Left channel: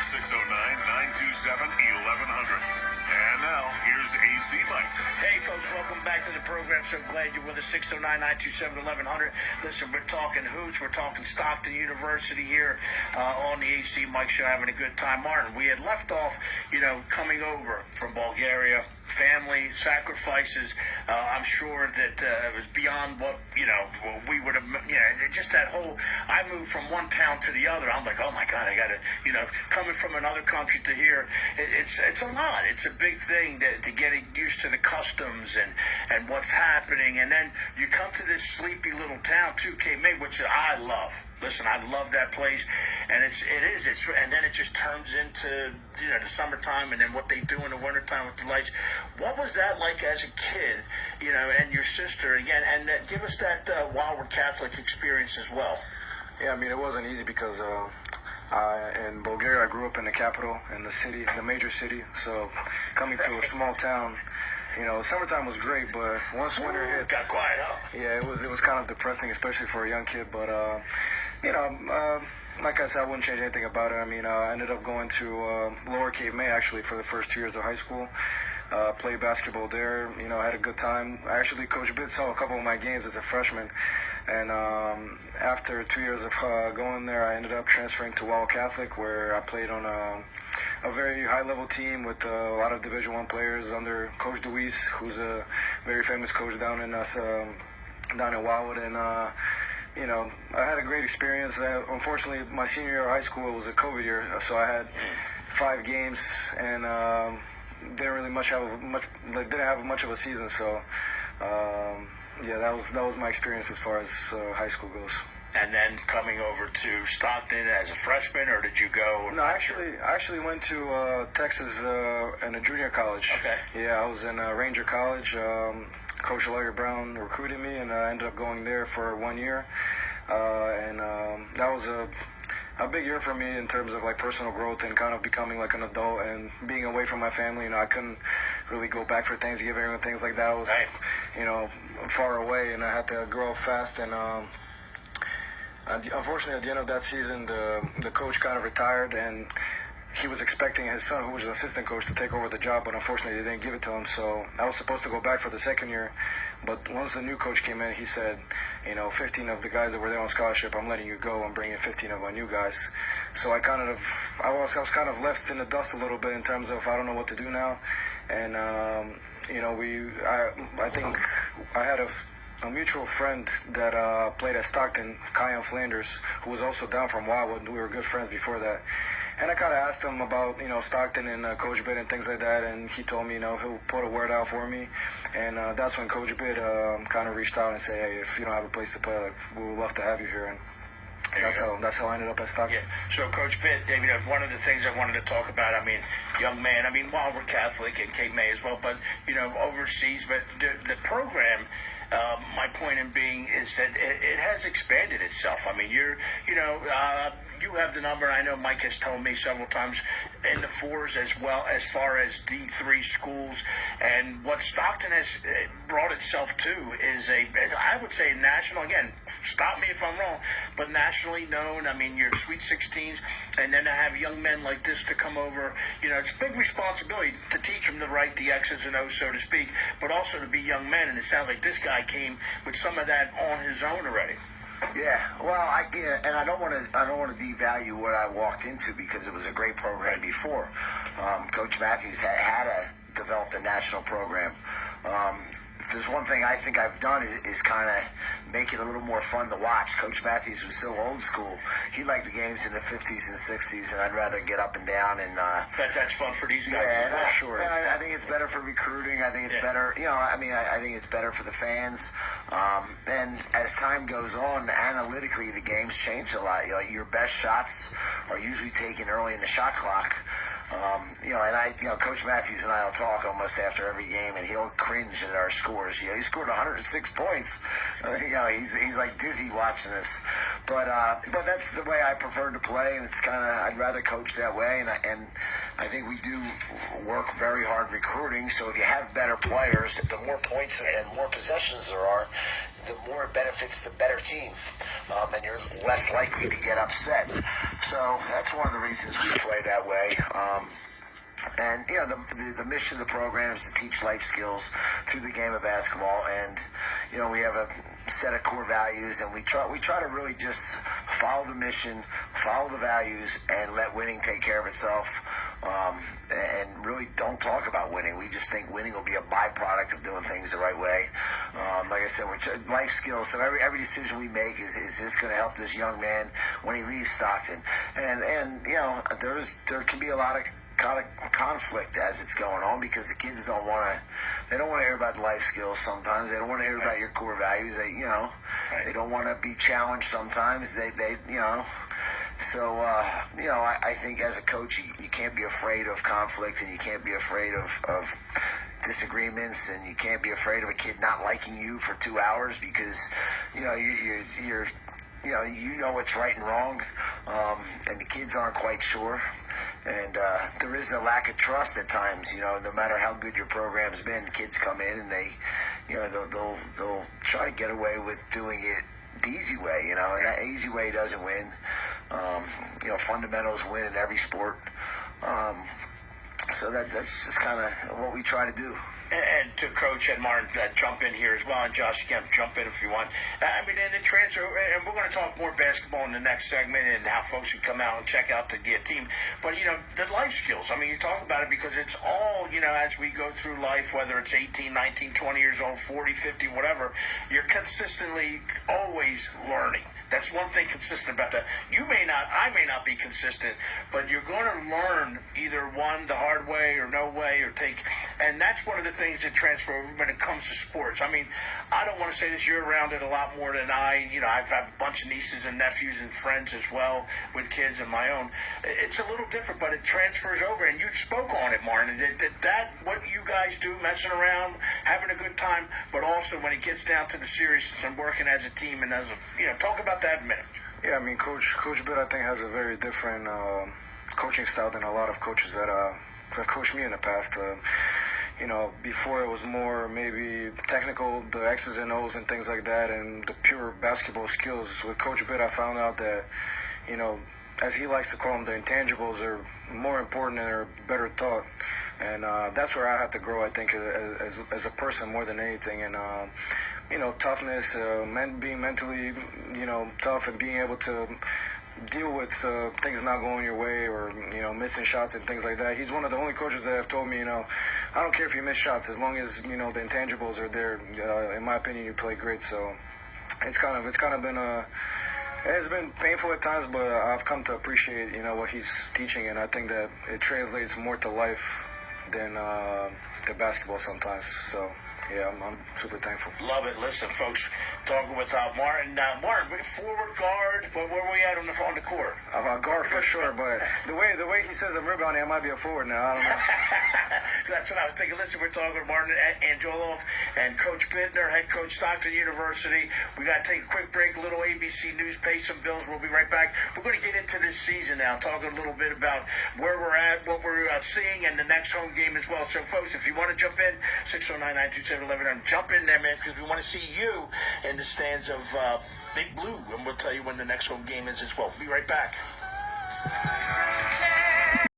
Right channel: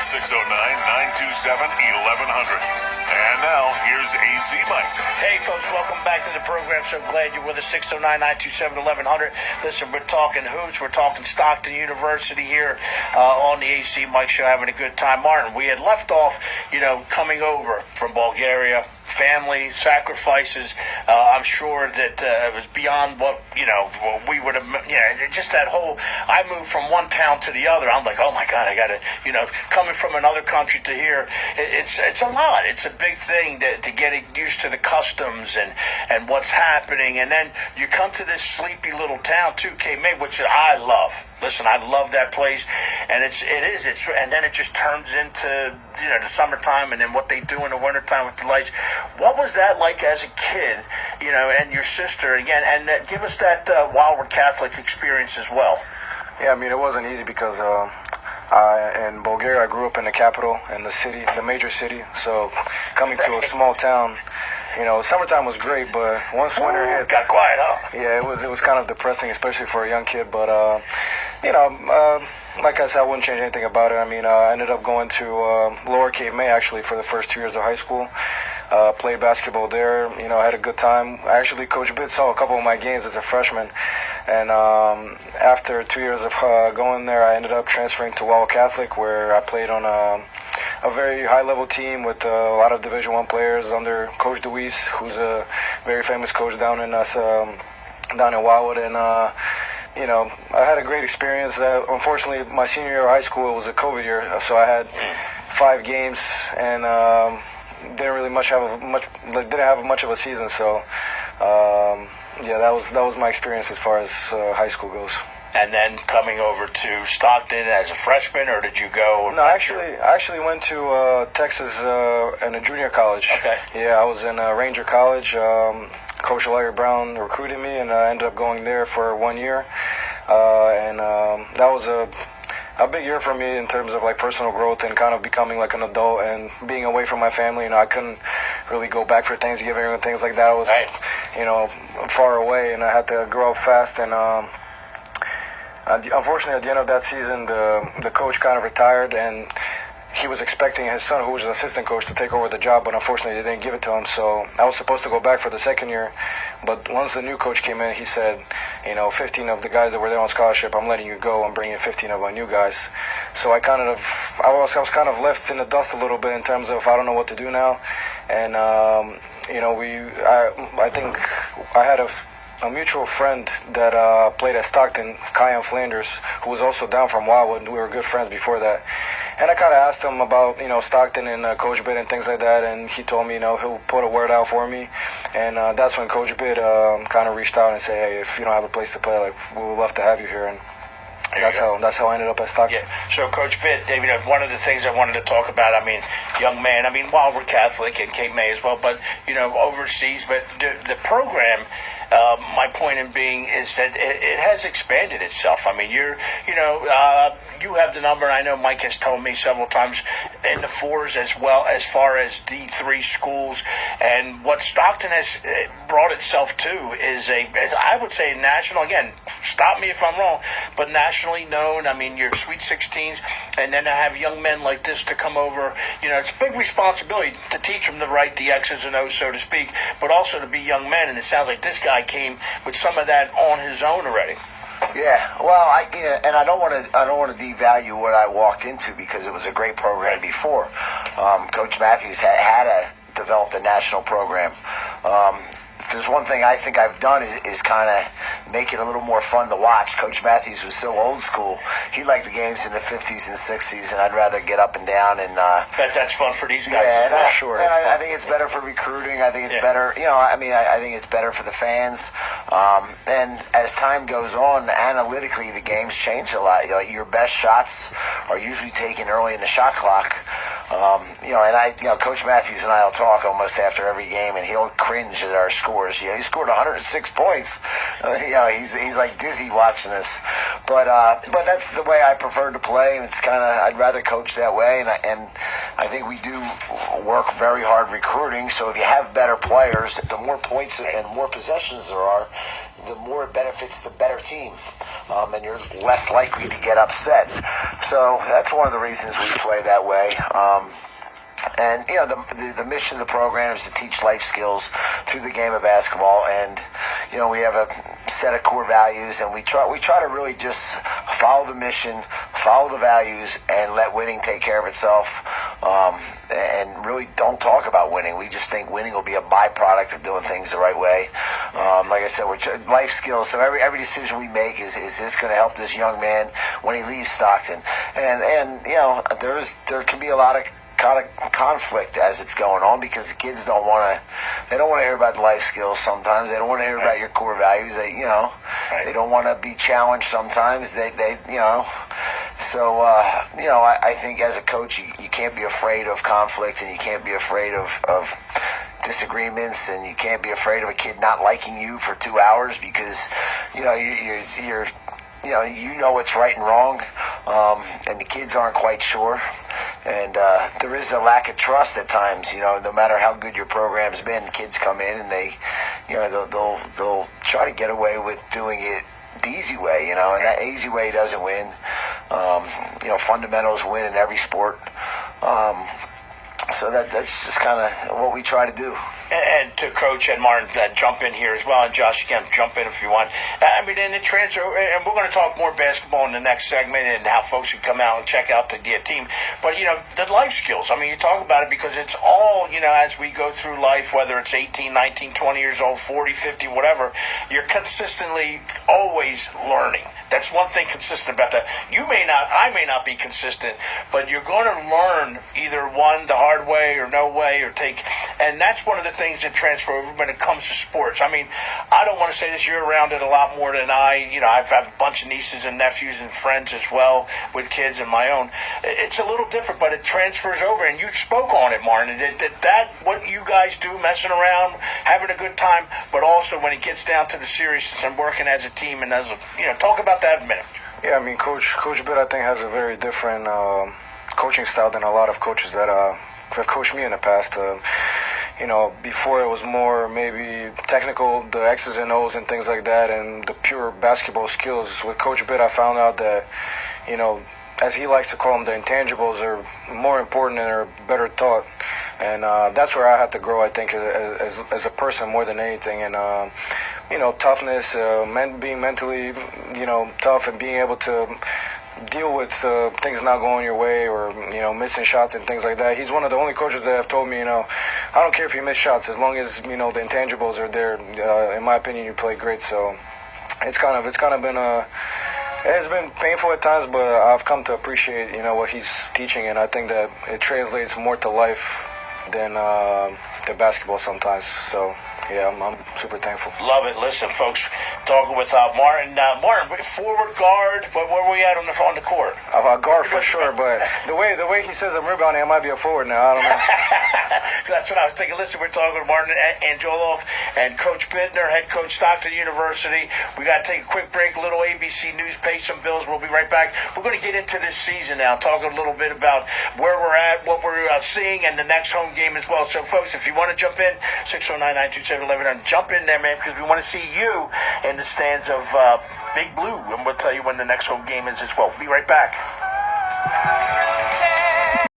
at 609-927-1100. And now, here's AC Mike. Hey, folks, welcome back to the program. So glad you're with us. 609-927-1100. Listen, we're talking hoops. We're talking Stockton University here on the AC Mike Show, having a good time. Martin, we had left off, coming over from Bulgaria. Family sacrifices. I'm sure that it was beyond what we would have. Just that whole. I moved from one town to the other. I'm like, oh my God, I got to. Coming from another country to here, it's a lot. It's a big thing to get used to the customs and what's happening. And then you come to this sleepy little town too, Cape May, which I love. Listen, I love that place, and and then it just turns into the summertime, and then what they do in the wintertime with the lights. What was that like as a kid, and your sister again, and give us that Wildwood Catholic experience as well. Yeah, I mean, it wasn't easy because in Bulgaria I grew up in the capital, in the city, the major city. So coming to a small town, summertime was great, but once winter hits, got quiet, huh? Yeah, it was kind of depressing, especially for a young kid. But like I said, I wouldn't change anything about it. I mean, I ended up going to Lower Cape May actually for the first 2 years of high school. Played basketball there. I had a good time. Actually, Coach Bitt saw a couple of my games as a freshman. And after 2 years of going there, I ended up transferring to Wildwood Catholic, where I played on a very high-level team with a lot of Division I players under Coach Deweese, who's a very famous coach down in Wildwood. And I had a great experience. Unfortunately, my senior year of high school, it was a COVID year, so I had 5 games and didn't have much of a season. So that was my experience as far as high school goes. And then coming over to Stockton as a freshman, or did you go? No, I actually went to Texas in a junior college. Okay. Yeah, I was in Ranger College. Coach Larry Brown recruited me, and I ended up going there for 1 year. That was a big year for me in terms of like personal growth and kind of becoming like an adult and being away from my family. I couldn't really go back for Thanksgiving and things like that. I was, far away, and I had to grow up fast. And unfortunately, at the end of that season, the coach kind of retired, and he was expecting his son, who was an assistant coach, to take over the job, but unfortunately they didn't give it to him. So I was supposed to go back for the second year, but once the new coach came in, he said, 15 of the guys that were there on scholarship, I'm letting you go. I'm bringing 15 of my new guys. So I was kind of left in the dust a little bit in terms of I don't know what to do now. And I think I had a mutual friend that played at Stockton, Kyan Flanders, who was also down from Wildwood. We were good friends before that. And I kind of asked him about, Stockton and Coach Bitt and things like that, and he told me, he'll put a word out for me. And that's when Coach Bitt kind of reached out and said, hey, if you don't have a place to play, like, we would love to have you here. And that's how I ended up at Stockton. Yeah. So, Coach Bitt, David, one of the things I wanted to talk about, young man, Wildwood Catholic and Cape May as well, but, overseas, but the program, my point in being is that it has expanded itself. You have the number, and I know Mike has told me several times, in the fours as well as far as D3 schools. And what Stockton has brought itself to is I would say national, again, stop me if I'm wrong, but nationally known. Your Sweet 16s, and then to have young men like this to come over, it's a big responsibility to teach them the X's and O's, so to speak, but also to be young men. And it sounds like this guy came with some of that on his own already. Yeah, well, I don't want to devalue what I walked into, because it was a great program before. Coach Matthews had developed a national program. If there's one thing I think I've done is kind of make it a little more fun to watch. Coach Matthews was so old school. He liked the games in the 50s and 60s, and I'd rather get up and down. And bet that's fun for these guys. Yeah, as well. Sure. And I think it's better for recruiting. I think it's better. I think it's better for the fans. And as time goes on, analytically, the games change a lot. Your best shots are usually taken early in the shot clock. Coach Matthews and I will talk almost after every game, and he'll cringe at our scores. He scored 106 points. He's like dizzy watching this. But that's the way I prefer to play, and it's kind of I'd rather coach that way. And I think we do work very hard recruiting. So if you have better players, the more points and more possessions there are, the more it benefits the better team, and you're less likely to get upset. So that's one of the reasons we play that way. And the mission of the program is to teach life skills through the game of basketball, and we have a set of core values, and we try to really just follow the mission, follow the values, and let winning take care of itself. And really don't talk about winning. We just think winning will be a byproduct of doing things the right way. Like I said, we're life skills. So every decision we make is this going to help this young man when he leaves Stockton? And there can be a lot of conflict as it's going on, because the kids don't want to hear about the life skills sometimes. They don't want to hear about your core values. They don't want to be challenged sometimes. So I think as a coach, you can't be afraid of conflict, and you can't be afraid of disagreements, and you can't be afraid of a kid not liking you for 2 hours because you're what's right and wrong, and the kids aren't quite sure. And there is a lack of trust at times. No matter how good your program's been, kids come in and they'll try to get away with doing it the easy way. And that easy way doesn't win. Fundamentals win in every sport. So that's just kind of what we try to do. And to Coach and Martin, jump in here as well, and Josh, you can jump in if you want. And the transfer, and we're going to talk more basketball in the next segment, and how folks can come out and check out the team. But the life skills. You talk about it because it's all as we go through life, whether it's 18, 19, 20 years old, 40, 50, whatever, you're consistently always learning. That's one thing consistent about that. I may not be consistent, but you're going to learn either one the hard way or no way, and that's one of the things that transfer over when it comes to sports. I don't want to say this, you're around it a lot more than I. I've had a bunch of nieces and nephews and friends as well with kids and my own. It's a little different, but it transfers over, and you spoke on it, Martin. That what you guys do, messing around, having a good time, but also when it gets down to the seriousness and working as a team and talk about that a minute. Yeah, Coach Bitt, I think, has a very different coaching style than a lot of coaches that have coached me in the past. Before it was more maybe technical, the X's and O's and things like that, and the pure basketball skills. With Coach Bitt, I found out that, as he likes to call them, the intangibles are more important and are better taught. And that's where I had to grow, I think, as a person more than anything. And, toughness, being mentally, tough, and being able to deal with things not going your way, or missing shots and things like that. He's one of the only coaches that have told me, I don't care if you miss shots, as long as the intangibles are there. In my opinion, you play great. So it's kind of been it's been painful at times, but I've come to appreciate what he's teaching, and I think that it translates more to life than the basketball sometimes. So yeah, I'm super thankful. Love it. Listen, folks, talking with Martin. Martin, forward guard, but where were we at on the court? Guard for sure, but the way he says I'm rebounding, I might be a forward now. I don't know. That's what I was thinking. Listen, we're talking to Martin Anguelov and Coach Bittner, head coach, Stockton University. We got to take a quick break, a little ABC News, pay some bills. We'll be right back. We're going to get into this season now, talking a little bit about where we're at, what we're seeing, and the next home game as well. So, folks, if you want to jump in, 609-927-1100, jump in there, man, because we want to see you in the stands of Big Blue, and we'll tell you when the next home game is as well. We'll be right back.